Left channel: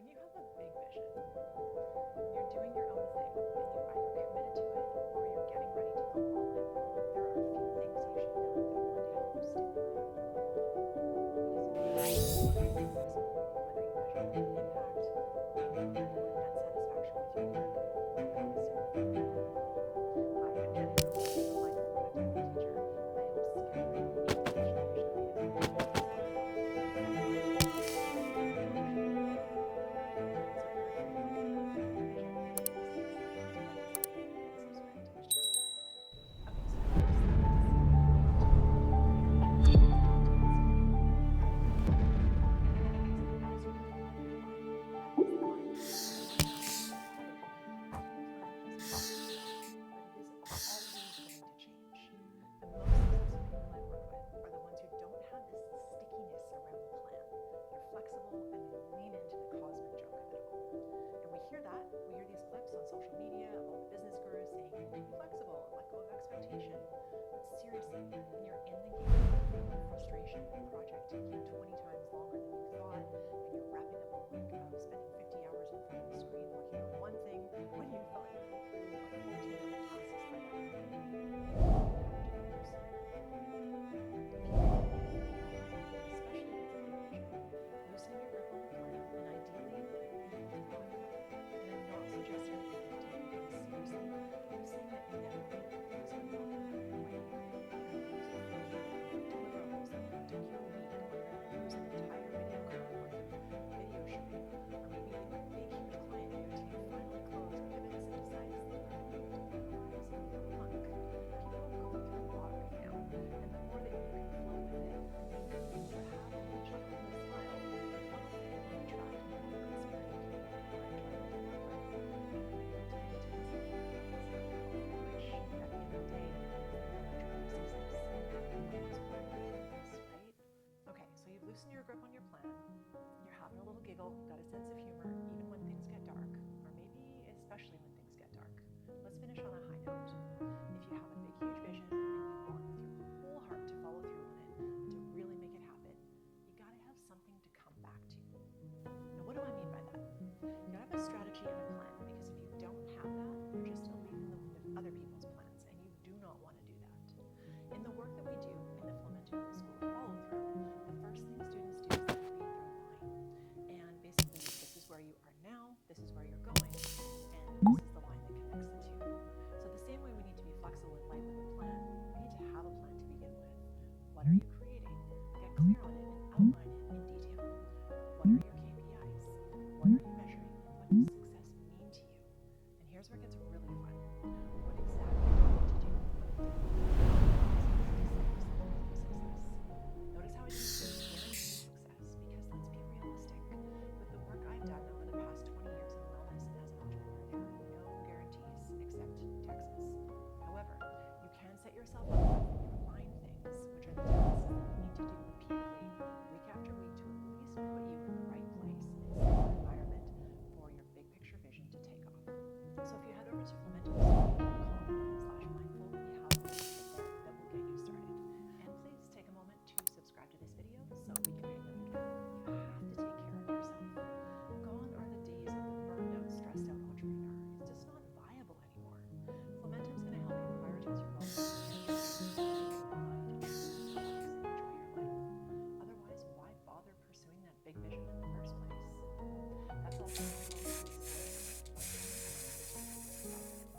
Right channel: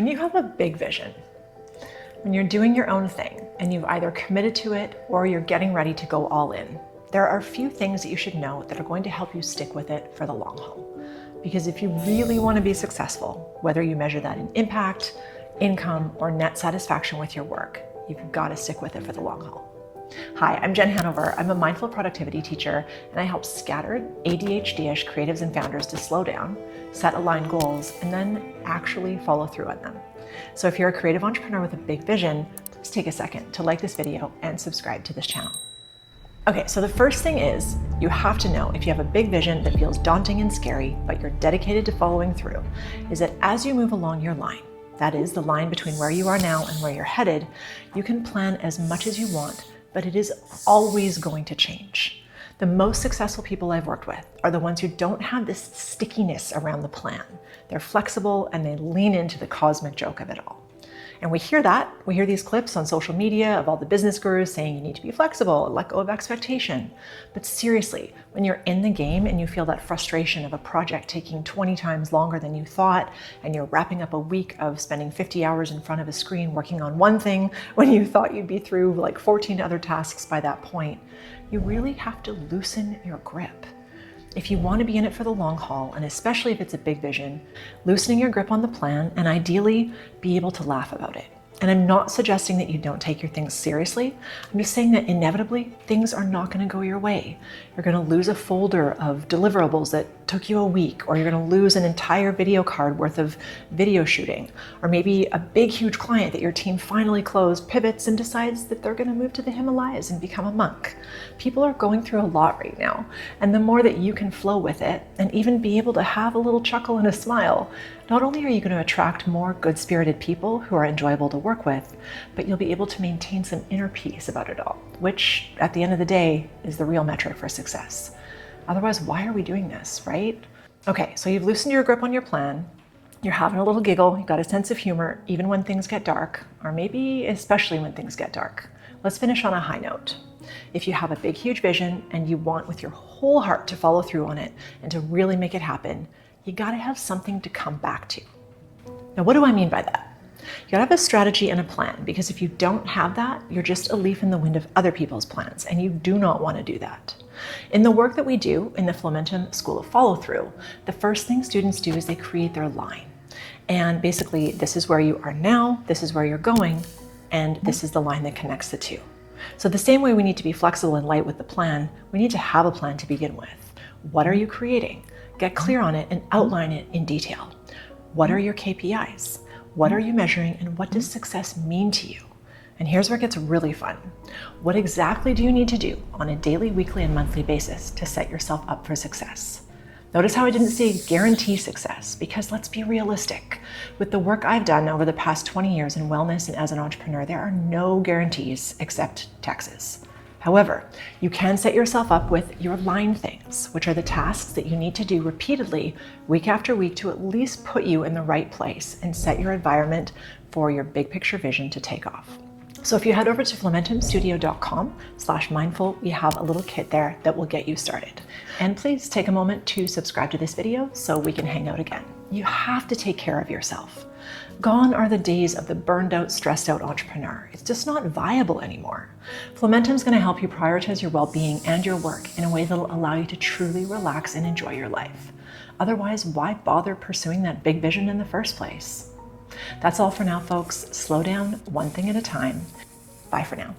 When you have a big vision, when you're doing your own thing and you've either committed to it or you're getting ready to go all in, there are a few things that you should know that are going to help you stick with it for the long haul. Because if you really want to be successful, whether you measure that in impact, income, or net satisfaction with your work, you've got to stick with it for the long haul. Hi, I'm Jen Hanover. I'm a mindful productivity teacher, and I help scattered ADHDish creatives and founders to slow down, set aligned goals, and then actually follow through on them. So if you're a creative entrepreneur with a big vision, please take a second to like this video and subscribe to this channel. Okay, so the first thing is you have to know if you have a big vision that feels daunting and scary, but you're dedicated to following through, is that as you move along your line, that is the line between where you are now and where you're headed, you can plan as much as you want, but it is always going to change. The most successful people I've worked with are the ones who don't have this stickiness around the plan. They're flexible and they lean into the cosmic joke of it all. And we hear that. We hear these clips on social media of all the business gurus saying you need to be flexible and let go of expectation. But seriously, when you're in the game and you feel that frustration of a project taking 20 times longer than you thought, and you're wrapping up a week of spending 50 hours in front of a screen working on one thing when you thought you'd be through like 14 other tasks by that point, you really have to loosen your grip. If you want to be in it for the long haul, and especially if it's a big vision, loosening your grip on the plan and ideally be able to laugh about it. And I'm not suggesting that you don't take your things seriously. I'm just saying that inevitably things are not going to go your way. You're going to lose a folder of deliverables that took you a week, or you're going to lose an entire video card worth of video shooting, or maybe a big, huge client that your team finally closed pivots and decides that they're going to move to the Himalayas and become a monk. People are going through a lot right now, and the more that you can flow with it and even be able to have a little chuckle and a smile, not only are you going to attract more good-spirited people who are enjoyable to work with, but you'll be able to maintain some inner peace about it all, which at the end of the day is the real metric for success. Otherwise, why are we doing this, right? Okay, so you've loosened your grip on your plan, you're having a little giggle, you've got a sense of humor, even when things get dark, or maybe especially when things get dark. Let's finish on a high note. If you have a big, huge vision and you want with your whole heart to follow through on it and to really make it happen, you gotta have something to come back to. Now, what do I mean by that? You gotta have a strategy and a plan, because if you don't have that, you're just a leaf in the wind of other people's plans, and you do not want to do that. In the work that we do in the Flumentum School of Follow-Through, the first thing students do is they create their line. And basically, this is where you are now, this is where you're going, and this is the line that connects the two. So the same way we need to be flexible and light with the plan, we need to have a plan to begin with. What are you creating? Get clear on it and outline it in detail. What are your KPIs? What are you measuring, and what does success mean to you? And here's where it gets really fun. What exactly do you need to do on a daily, weekly, and monthly basis to set yourself up for success? Notice how I didn't say guarantee success, because let's be realistic. With the work I've done over the past 20 years in wellness and as an entrepreneur, there are no guarantees except taxes. However, you can set yourself up with your line things, which are the tasks that you need to do repeatedly week after week to at least put you in the right place and set your environment for your big picture vision to take off. So if you head over to flumentumstudio.com/mindful, we have a little kit there that will get you started. And please take a moment to subscribe to this video so we can hang out again. You have to take care of yourself. Gone are the days of the burned out, stressed out entrepreneur. It's just not viable anymore. Flumentum's going to help you prioritize your well-being and your work in a way that'll allow you to truly relax and enjoy your life. Otherwise, why bother pursuing that big vision in the first place? That's all for now, folks. Slow down, one thing at a time. Bye for now.